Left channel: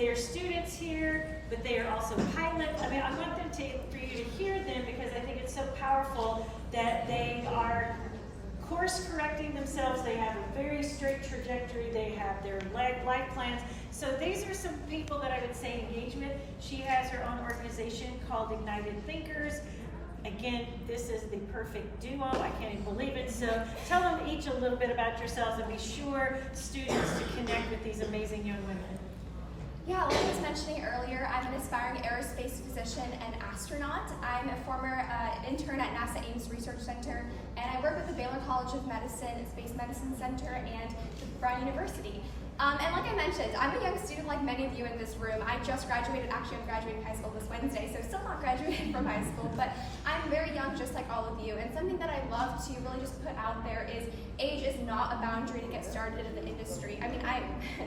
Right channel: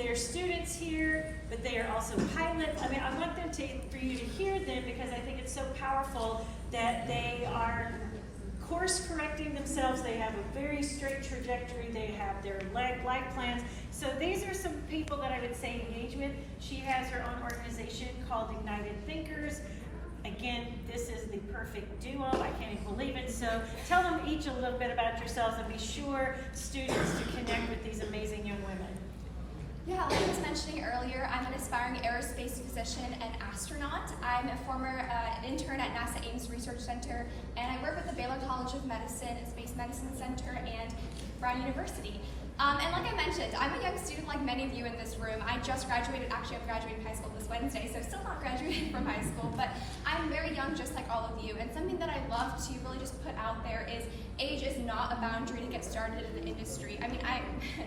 They are students here, but they are also pilots. I mean, I want them for you to hear them because I think it's so powerful that they are course correcting themselves. They have a very straight trajectory. They have their life plans. So these are some people that I would say engage with. She has her own organization called Ignited Thinkers. Again, this is the perfect duo. I can't even believe it. So tell them each a little bit about yourselves and be sure students to connect with these amazing young women. Yeah, like I was mentioning earlier, I'm an aspiring aerospace physician and astronaut. I'm a former intern at NASA Ames Research Center, and I work with the Baylor College of Medicine, Space Medicine Center, and Brown University. And like I mentioned, I'm a young student like many of you in this room. I just graduated, actually I'm graduating high school this Wednesday, so still not graduated from high school, but I'm very young just like all of you. And something that I love to really just put out there is age is not a boundary to get started in the industry. I mean,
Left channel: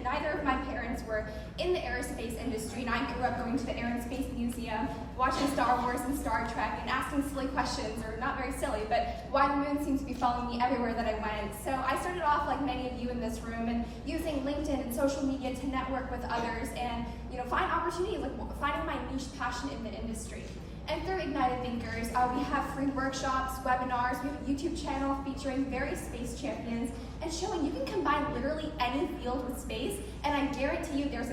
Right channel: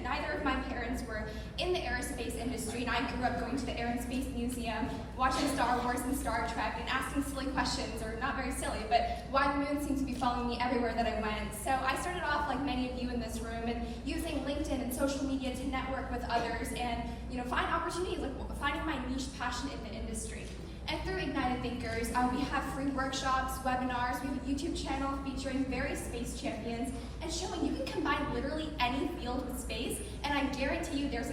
neither of my parents were in the aerospace industry, and I grew up going to the Air and Space Museum, watching Star Wars and Star Trek, and asking silly questions, or not very silly, but why the moon seemed to be following me everywhere that I went. So I started off like many of you in this room, and using LinkedIn and social media to network with others and find opportunities, like finding my niche passion in the industry. And through Ignited Thinkers, we have free workshops, webinars, we have a YouTube channel featuring various space champions and showing you can combine literally any field with space, and I guarantee you there's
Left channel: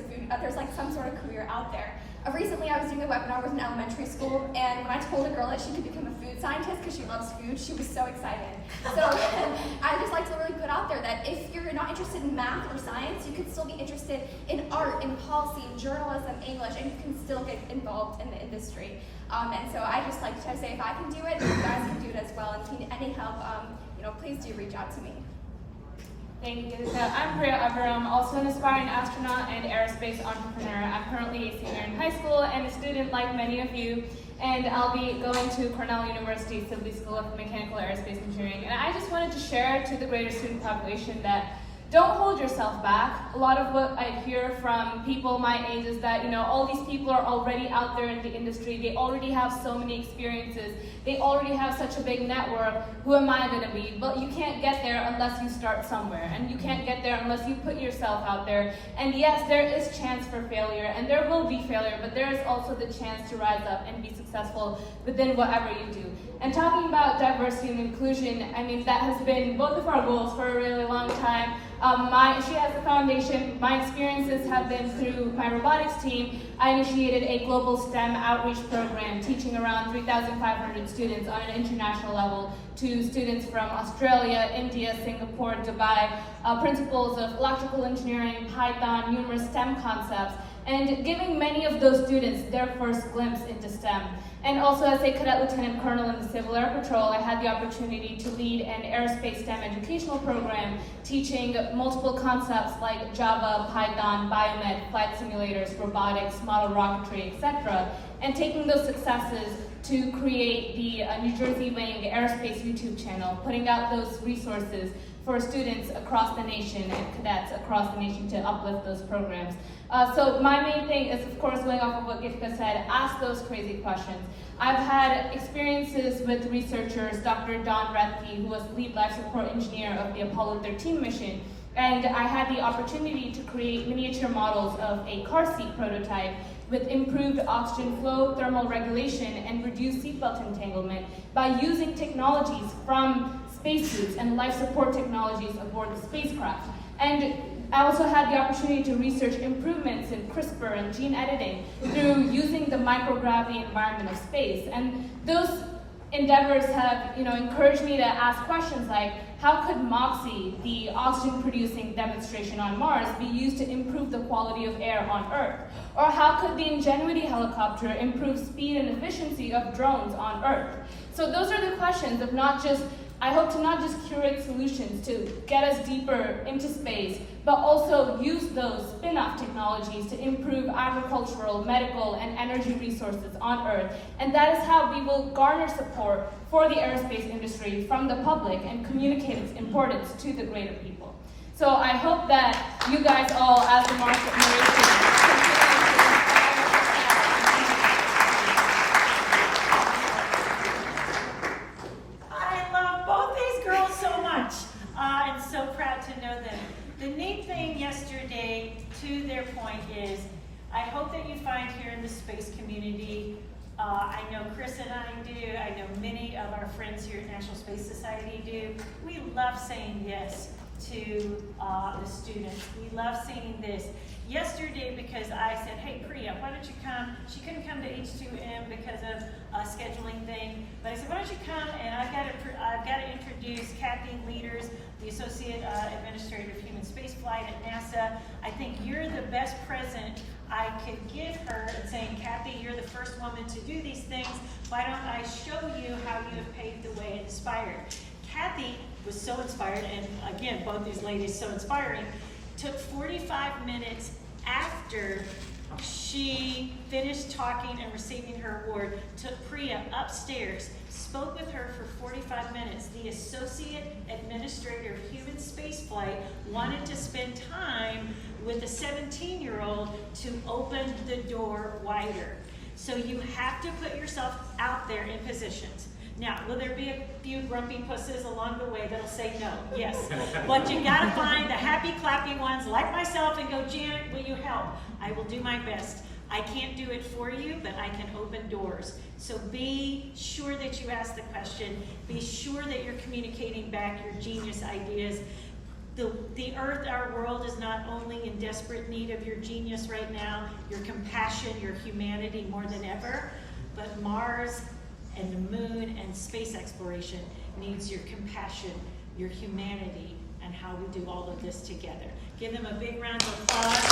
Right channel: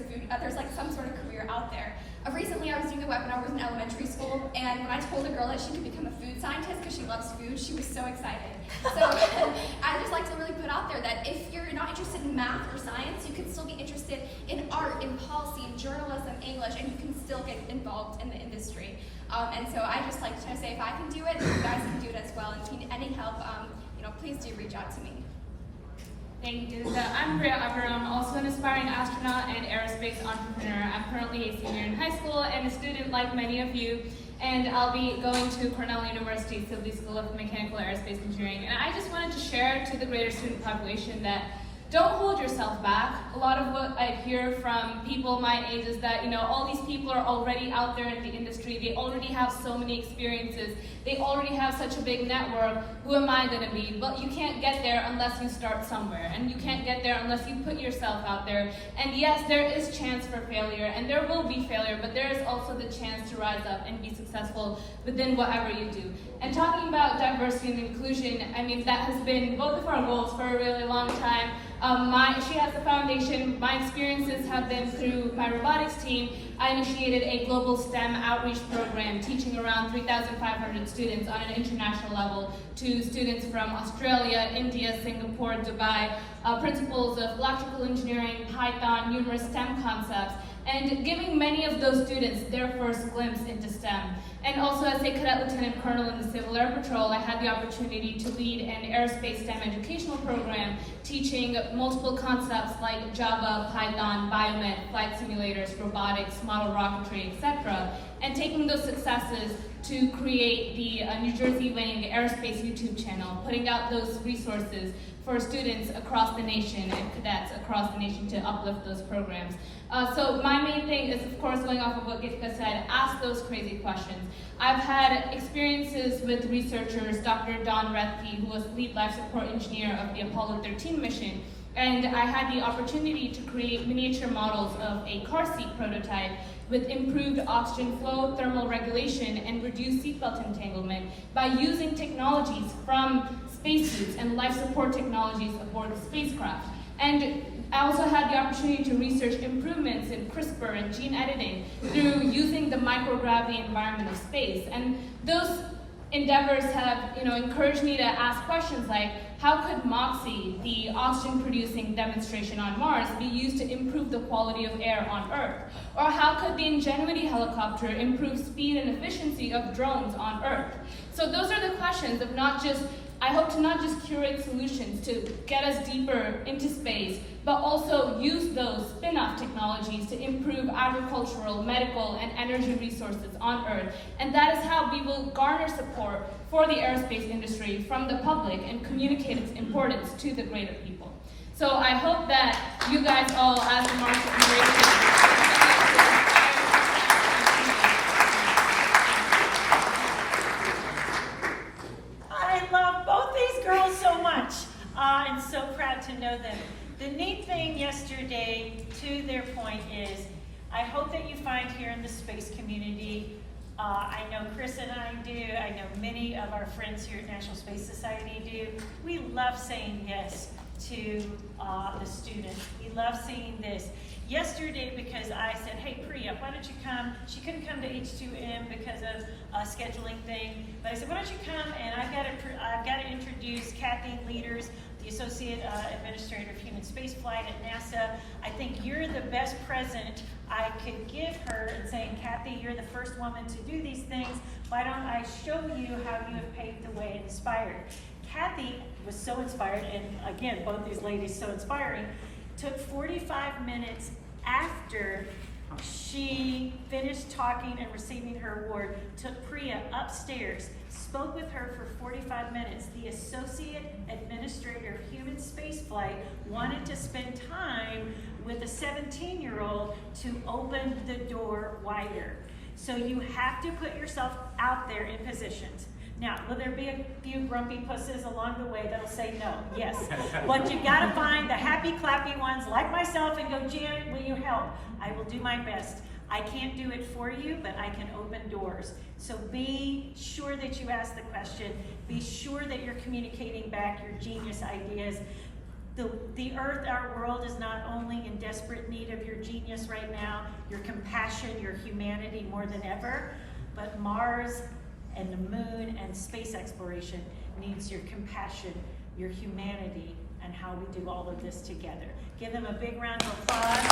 like some sort of career out there. Recently I was doing a webinar with an elementary school, and when I told a girl that she could become a food scientist because she loves food, she was so excited. So I just like to really put out there that if you're not interested in math or science, you could still be interested in art, in policy, in journalism, English, and you can still get involved in the industry. And so I just like to say if I can do it, you guys can do it as well. And if you need any help, please do reach out to me. Thank you. So I'm Priya Abhiram, also an aspiring astronaut and aerospace entrepreneur. I'm currently a senior in high school and a student like many of you, and I'll be going to Cornell University Sibley School of Mechanical Aerospace Engineering. And I just wanted to share to the greater student population that don't hold yourself back. A lot of what I hear from people my age is that, all these people are already out there in the industry. They already have so many experiences. They already have such a big network. Who am I going to be? Well, you can't get there unless you start somewhere. And you can't get there unless you put yourself out there. And yes, there is chance for failure, and there will be failure, but there is also the chance to rise up and be successful within whatever you do. And talking about diversity and inclusion, I mean, that has been both of our goals for a really long time. She has the foundation. My experiences have been through my robotics team. I initiated a global STEM outreach program, teaching around 3,500 students on an international level to students from Australia, India, Singapore, Dubai, principles of electrical engineering, Python, numerous STEM concepts, and giving many of those students their first glimpse into STEM. And also as a cadet lieutenant colonel in the Civil Air Patrol, I had the opportunity to lead an aerospace STEM educational program, teaching multiple concepts like Java, Python, biomed, flight simulators, robotics, model rocketry, etc., and taking those successes to create the New Jersey Wing Aerospace YouTube channel, putting out those resources for students across the nation and cadets across the nation to uplift those programs. So my main thing is, of course, going off of what Gitka said, ask those crazy questions. I've had experiences with researchers, Dr. Don Rethke, who was lead life support engineer of the Apollo 13 mission, and I had the opportunity to create miniature models of a car seat prototype with improved oxygen flow, thermal regulation, and reduced seatbelt entanglement by using technologies from spacesuits and life support technologies aboard the spacecraft. And I also had the opportunity to research improvements in CRISPR and gene editing through using the microgravity environment of space. And those endeavors have, encouraged me to ask questions like, how could MOXIE, the oxygen-producing demonstration on Mars, be used to improve the quality of air on Earth? Or how could the Ingenuity helicopter improve speed and efficiency of drones on Earth? So those are the questions of I hope to not just curate solutions to get us deeper into space, but also use those spin-off technologies to improve agricultural, medical, and energy resources on Earth. And that is how we will garner support for the aerospace industry from the public and communicate its importance to the greater people. So I hope that you guys all, as the market narrates, I'm so proud to know them. The neat thing yesterday, to their point, is I hope that you find here in the space community, I know Chris and I do, I know many of our friends here at National Space Society do, we love saying yes to the students. We love seeing this. Yesterday, because I said, hey Priya, why don't you come? She couldn't come to H2M because of a scheduling thing, but I said, why don't you come, and I've got to introduce Kathy Leaders, the Associate Administrator of Human Spaceflight at NASA. I think you're the best present I could give her in saying, Kathy, you're the first woman to do these things. Why don't I show you how you have paved the way and inspired? Kathy was so inspired, and again, both these ladies so inspiring, took 45 minutes after she finished talking and receiving her award, took Priya upstairs, spoke with her for 45 minutes. The Associate Administrator of Human Spaceflight wanted to spend time with a 17-year-old to open the door wider. So you have to put yourself out there in positions. Now, will there be a few grumpy pusses along the way that'll say no? Yes. But you gotta find the happy, clappy ones like myself and go, Janet, will you help? I will do my best. I can't do it for you, but I can open doors. So be sure that you ask the question. Be sure that you're communicating back your genius ideas. The earth, our world, is not only in desperate need of your genius right now, your compassion, your humanity more than ever, but Mars and the moon and space exploration needs your compassion, your humanity, and how we do all of this together. Give them a big round of applause.